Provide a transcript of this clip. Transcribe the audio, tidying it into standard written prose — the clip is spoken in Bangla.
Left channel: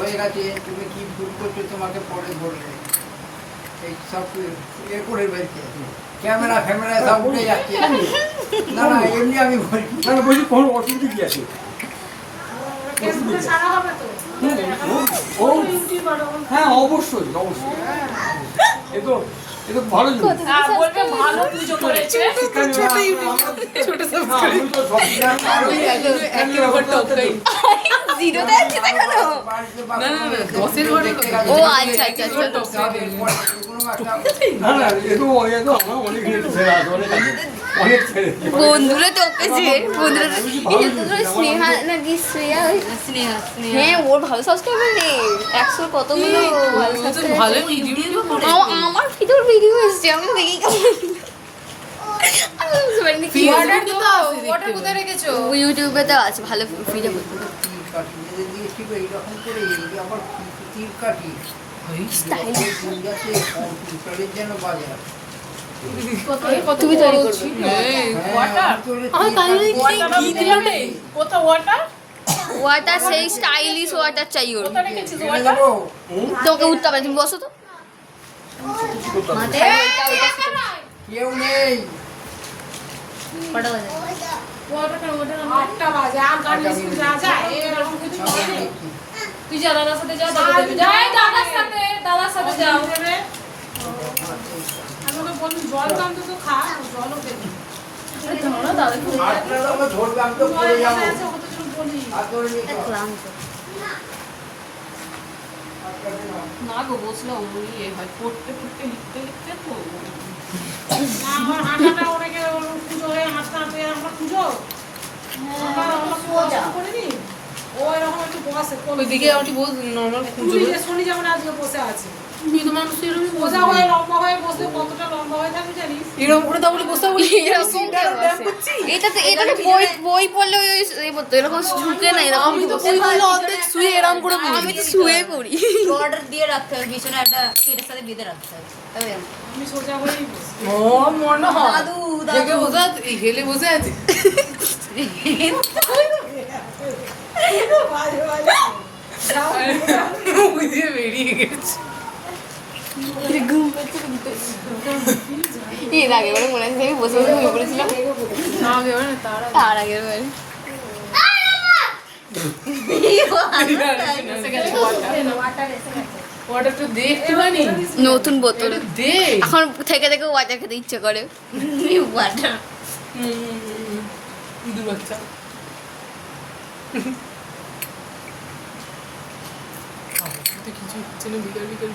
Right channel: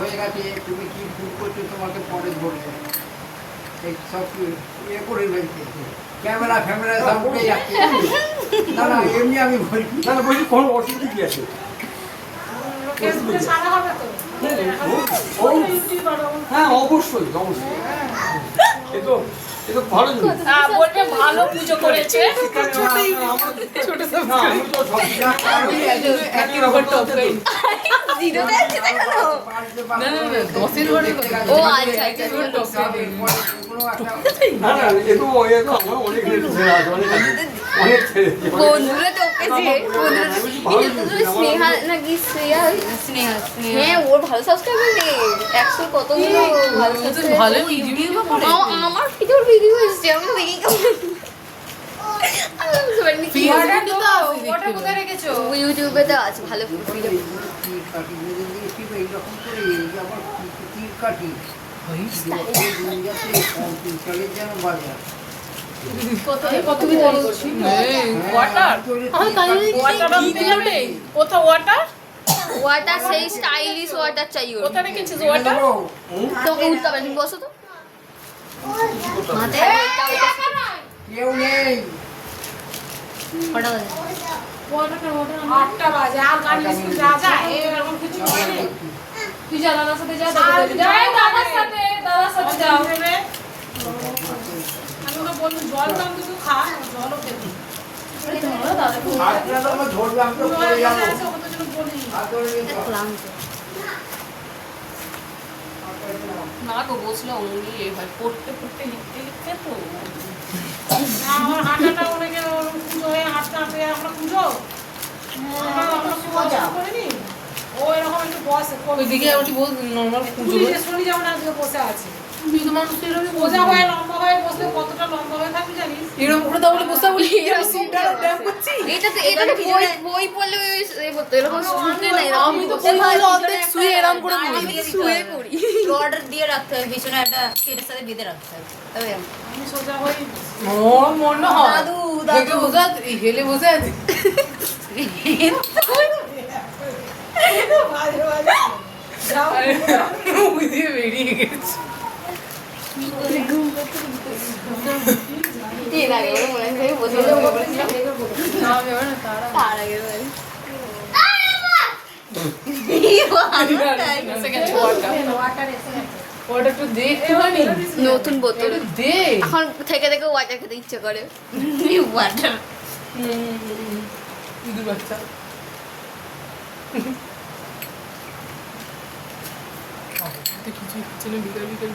হয়ে গেছে, তুমি কি ভুল করছো তোমাকে পরে বলবে। এই সব এ করে ফেলছে, ক্যামেরা ফ্যামেরা সব উঠে যাচ্ছে। না না এমনি আমি বলছি, না না বলছি কোনো অসুবিধা কি আছে? হ্যাঁ অবশ্যই অবশ্যই, এই তো ভালো জিনিস। বলবে ভালো পুজো করেছে। ছোট ও আচ্ছা আচ্ছা না না এ তো আমার অনেক ছেড়ে আছে, অনেক ছেড়ে বন্ধুরা তো পেয়েছে স্নেহা না কি শ্রেয়া স্নেহা হ্যাঁ ওর ভালো সাবস্ক্রাইবার নেই 100 কতগুলো ভালো ভিডিও করে। আমার ভিডিওর ভিডিও এসেছে আমি তো দেখি ওটা কোথায় রেখেছো? ইউটিউবে তো আছে ভালো ভিডিও তীর কাটি মেয়েদের দিকে ঠিক এইরকম করে এই যে আমার তীর কাটি যেন বাজার তুমি তৈরি করছি ওয়াটার কোথাও ওয়াটার ওয়াটার সেই স্টাইলিশ ওয়াটার চাই ওর কোথায় রেখেছিস ওয়াটার? তোকে উঠতে হবে তুমি বসো তো কেউ নেই। 8টা বাজে আর গাড়ি স্কুল যা যায় এরকম কিছু হয় না। তুই যা দাদার সাথে যা দাদার সাথে যাও। আমি ওকে বললাম জল তো অন্তত খা, জলও খেতে আটটা তো আমার ধরবে, আমি তো পড়ে যাবো। ওকে তো যেন বলি ক্লান্ত না গো বসলে অমনি হয় পড়তে পড়তে লিখতে লিখতে তো না আমার হাঁটাটা অনেকে পুজো হয়ে হাঁটতে হাঁটতে আমরা পুজো আমরা করিনি ও এরকম একটু বসে ওইদিকে একটু বস নরমাল পুজো পুজো শনি যেমন আজকে বসে আছে সোজা হয়ে লম্বা হয়ে বসলে কতটা লম্বা হয়ে থাকবে জানিস? এরকম করে তাহলে বসে বলি সিমটারও ড্যাম করছি। এটা তো বই বই পড়লে ওই এই পড়তো এরকম ঝুঁকে না এরকম আমি তো বই অর্ধেক শুয়ে এরকম করে পড়ি। আমি তো শুয়ে পড়ি অর্ডার দিয়ে রাখতে হবে, পিছনে একটা কেটের সাথে বেঁধে রাখতে হবে, তবে আমি সোজা হয়েই বসি। ও মনে হয় দাদু দেখে বসে আছে এই হেলে বসে আছে বাজে বাজে যাও মুখ দিয়ে বেরিয়ে গেছে। এর আগে মনে আছে বসে পড়েছিলাম আমি না তারা তার আগে বলে ওটা একটু দেখতে পারি নতুন বোতল দেখ এখন থেকে থেকে ওয়াটার খেতে ইচ্ছে করে ওয়াটার ইঁদুর বাচ্চা কিছু হচ্ছে না বিকাল বিকাল